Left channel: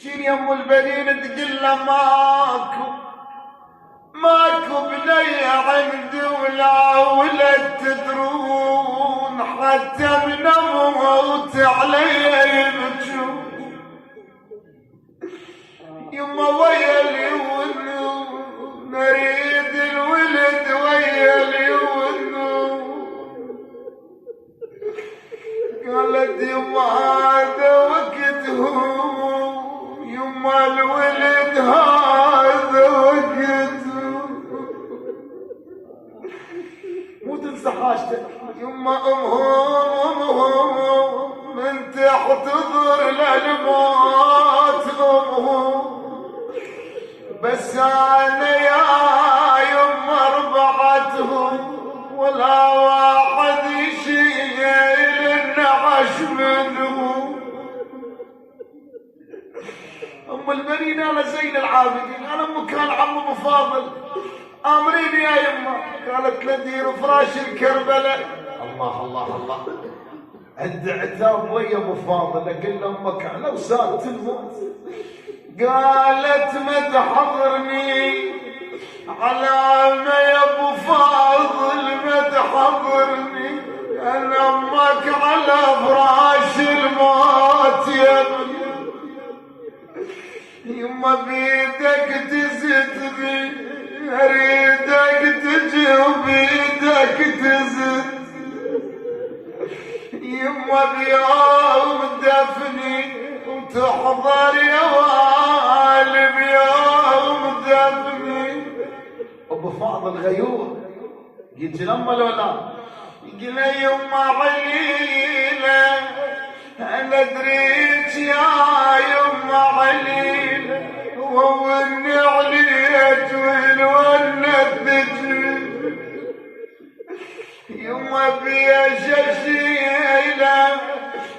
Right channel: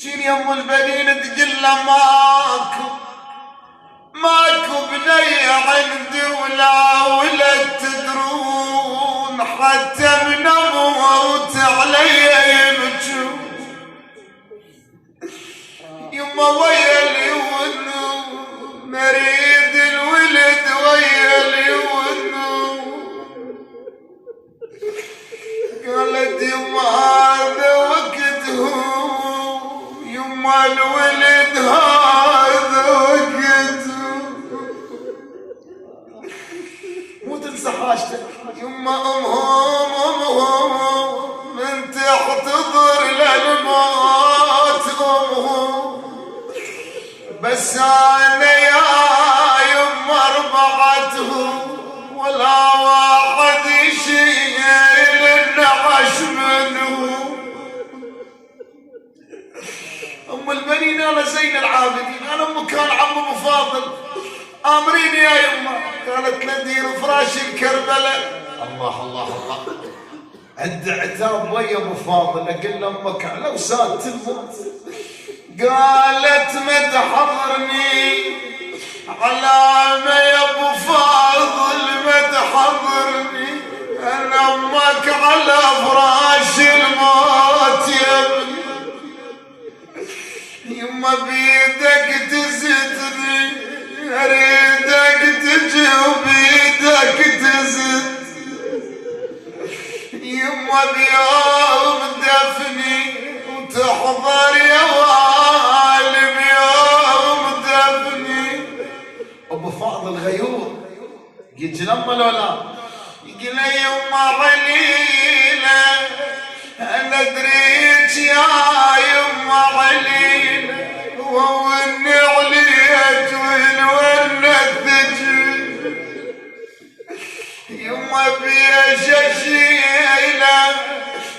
جيني يا ام البنين تقول له ماكو بني عندي ولا ولد تدرون، حتى من اموت علي يبجون. يما ويا اليون نريد الولد ويا اليون. قالت يما هذا وقته، يما الولد هذا وقته. مو تنسى حاجتك يما، امهم من تحتضر للموت امهم. بس انا يا يما ربعتهم ولا واحد يشيل النعش منهم. ام البنين انا زين العابدين، انا ام كان عم ابو فاضل، امريني يا يما. قالت له دير فراش الكربلاء. الله الله الله، عد عتاب ويا ابو فاضل، اقول امك على وساد تموت. قالت ما تحضرني على ما يا ابو فاضل، ما تحضرني انا امك على فراش الموت يا ابني. يما بيدك تزتني، اريدك تجي وبيدك تزت. يما بيوم دفني وتحضر يا والي، بيوم دفني. ابو فاضل غيور يجي لما لولا يقول يما عليله، انا دريت يا يما عليله، واني عليت والونه الثجل. يما بيش اشيله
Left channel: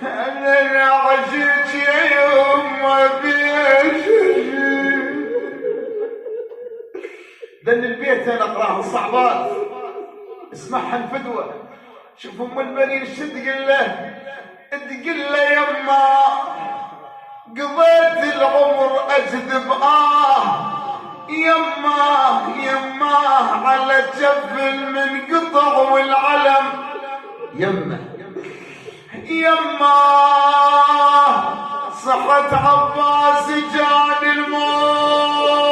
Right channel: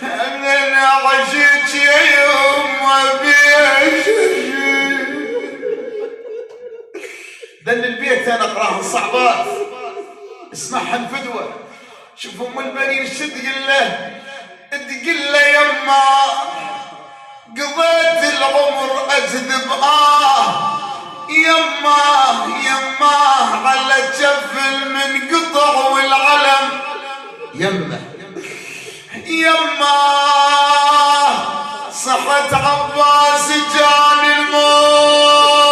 انا عشت يا يما بيش اشيله. دن البيت انا اقراها الصعبات اسمعها فدوه. شوف ام البنين شو تقول له، تقول له يما قضيت العمر اكذب يما يما على جفل من قطع والعلم. يما يما صحت عباس جان الموت.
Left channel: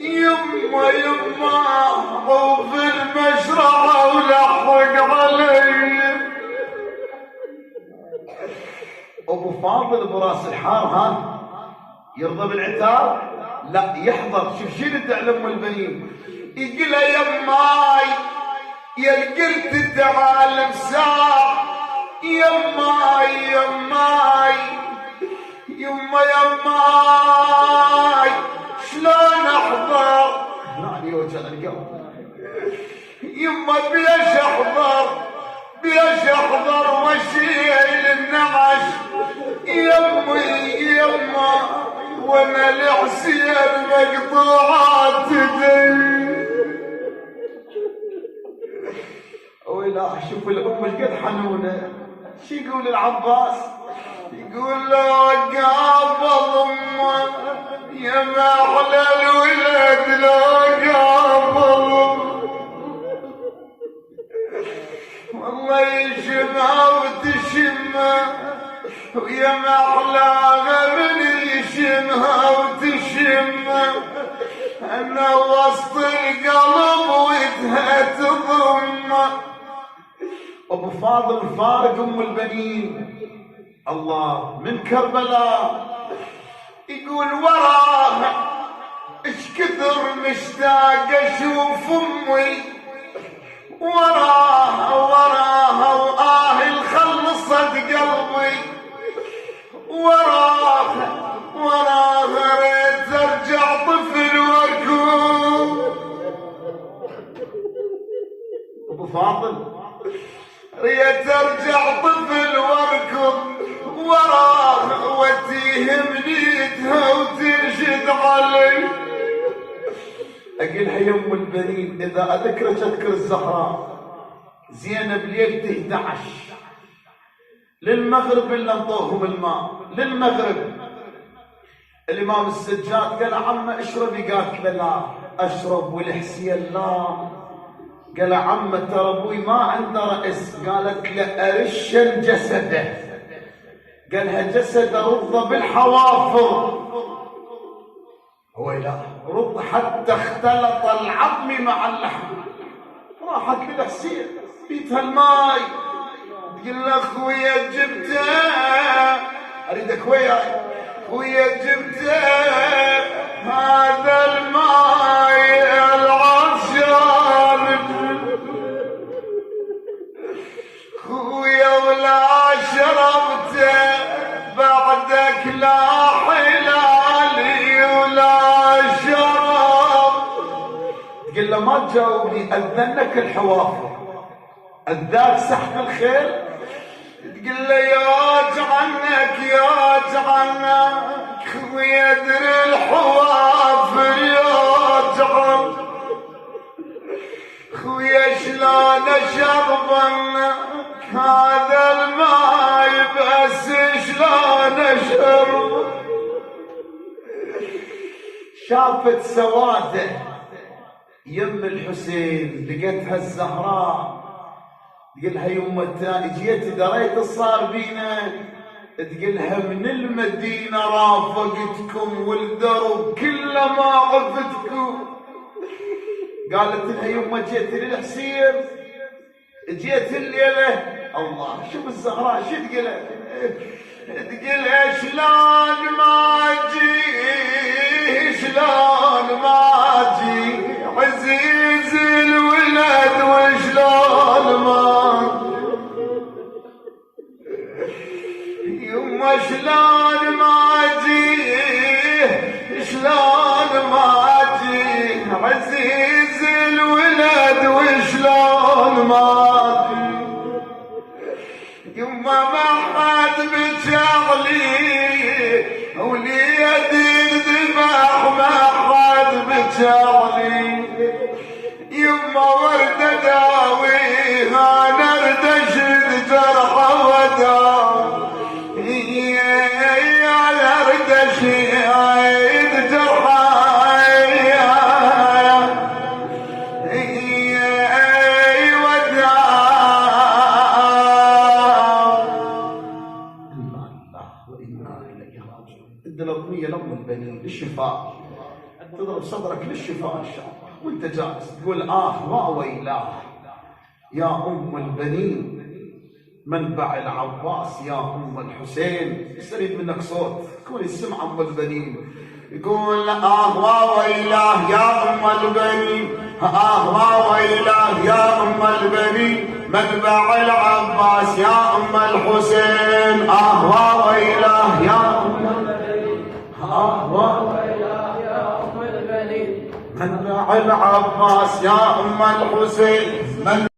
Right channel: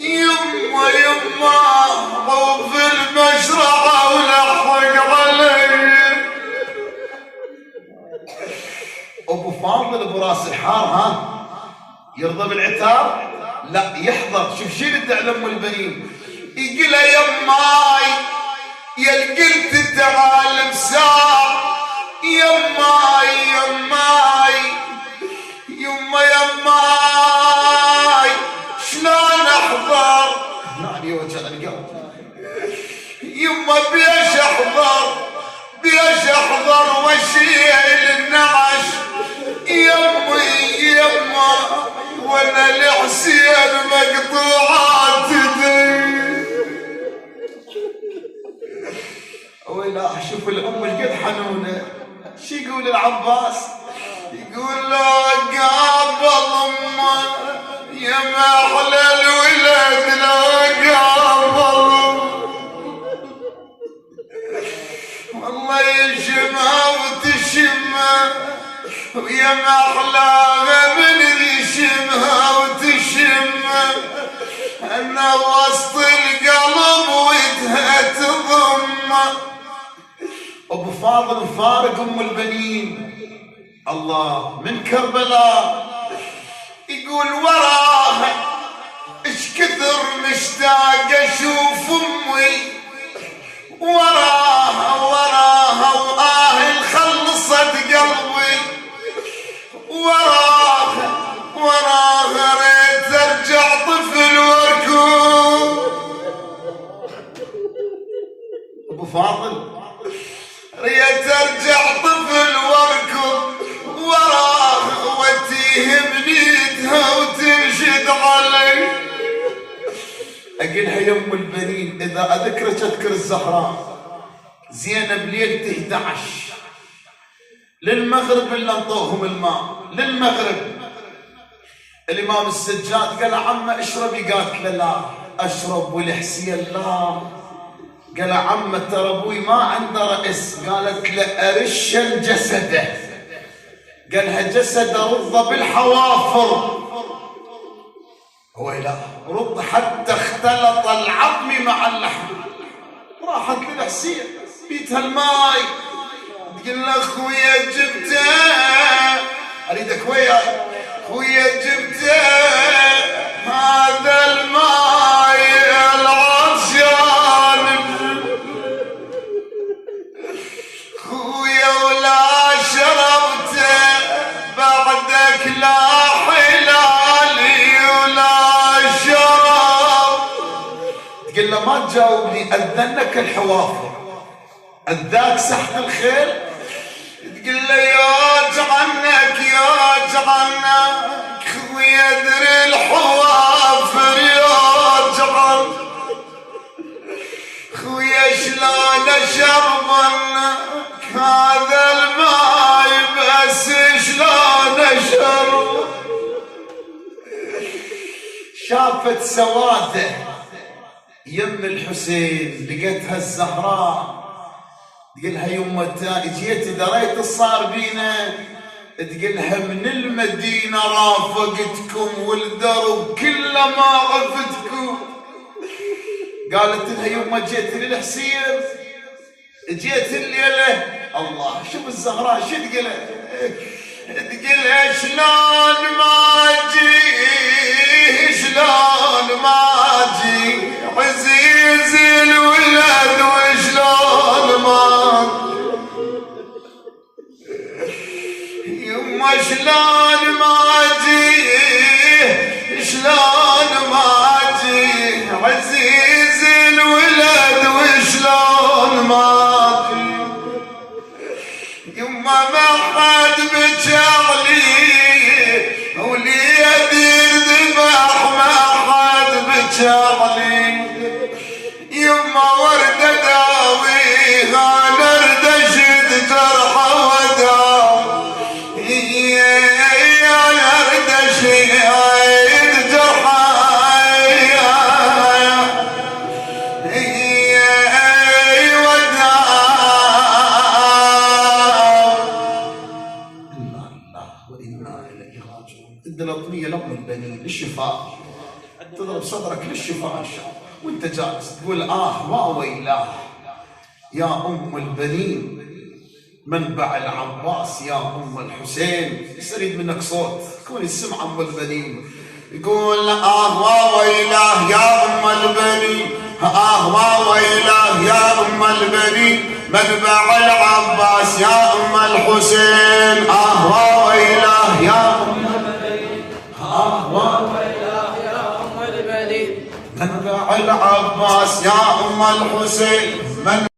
يما يما طوف المشرعة ولحق علي. ابو فاضل ابو راس الحار ها يرضى بالعتاب؟ لا يحضر. شوف شي اللي تعلم البنين، يقول يماي يا قلت تعال مساع. يماي يماي يما يماي شلون احضر؟ نعني وجه القلب. يما بيش احضر، بيش احضر واشيل النعش. يمي يما وانا لحسين مقطوعات يدي. ولا شوف الام القد حنونه. شو يقول العباس؟ يقول له قابل امه يا ما احلى الولد لو قابل، والله يشمها وتشمها ويا ما احلاها من يشمها وتشمها. انا وسط القلب ودها تضمه. ابو فاضل فارق ام البنين الله من كربلاء. يقول وراها اش كثر مشتاق اشوف امي، وراها وراها واهل خلصت قلبي. وراها وراها ريت ارجع طفل واركض. ابو فاضل ريت ارجع طفل واركض وراها وتيه بنيتها وتنشد علي. اقلها يم البنين اذا اذكرك اذكر الزهراء زينب ليلة 11 للمغرب إلا انطوهم الماء للمغرب. الإمام السجاد قال عمه اشربي، قالت له لا أشرب. والحسين لا. قال عمه ترى أبوي ما عنده رأس. قالت له أرش جسده. قالها جسد رض بالحوافر. هو لا رض حتى اختلط العظم مع اللحم. راحت للحسين بيتها الماي، تقول له خويا جبته، اريدك وياي خويا جبته هذا الماي العطشان خويا ولا شربته بعدك لا حلالي ولا شرب. تقول له ما تجاوبني أذنك الحوافر أذاك سحق الخيل. تقول له يا جعنك يا جعنك خويا ادري الحوافر يا جعن خويا شلون اشربنك هذا الماي بس شلون اشرب. شافت سواده يم الحسين لقيتها الزهراء. تقلها يمه جيت دريت الصار بينا. تقلها من المدينة رافقتكم والدرب كله ما عفتكم. قالت لها يمه جيت للحسين جيت الليلة. الله شوف الزهراء شو تقلها. تقلها شلون ما اجي شلون ما اجي عزيز الولد وشلون ما يما شلون ما اجي شلون ما اجي عزيز الولد وشلون ما اجي يما ما حد بجعلي وليدي الذبح ما حد بجعلي يما ورد داويها نرد اشد جرحه وداوي يا نرد اشد جرحه الدلطمية لأم البنين للشفاء. تضرب صدرك للشفاء إن شاء الله وانت جالس تقول وويلاه يا أم البنين منبع العباس يا أم الحسين. يريد منك صوت كوني السمع أم البنين. يقول وويلاه يا أم البنين وويلاه يا أم البنين منبع العباس يا أم الحسين وويلاه يا أم منبع العباس يا أم الحسين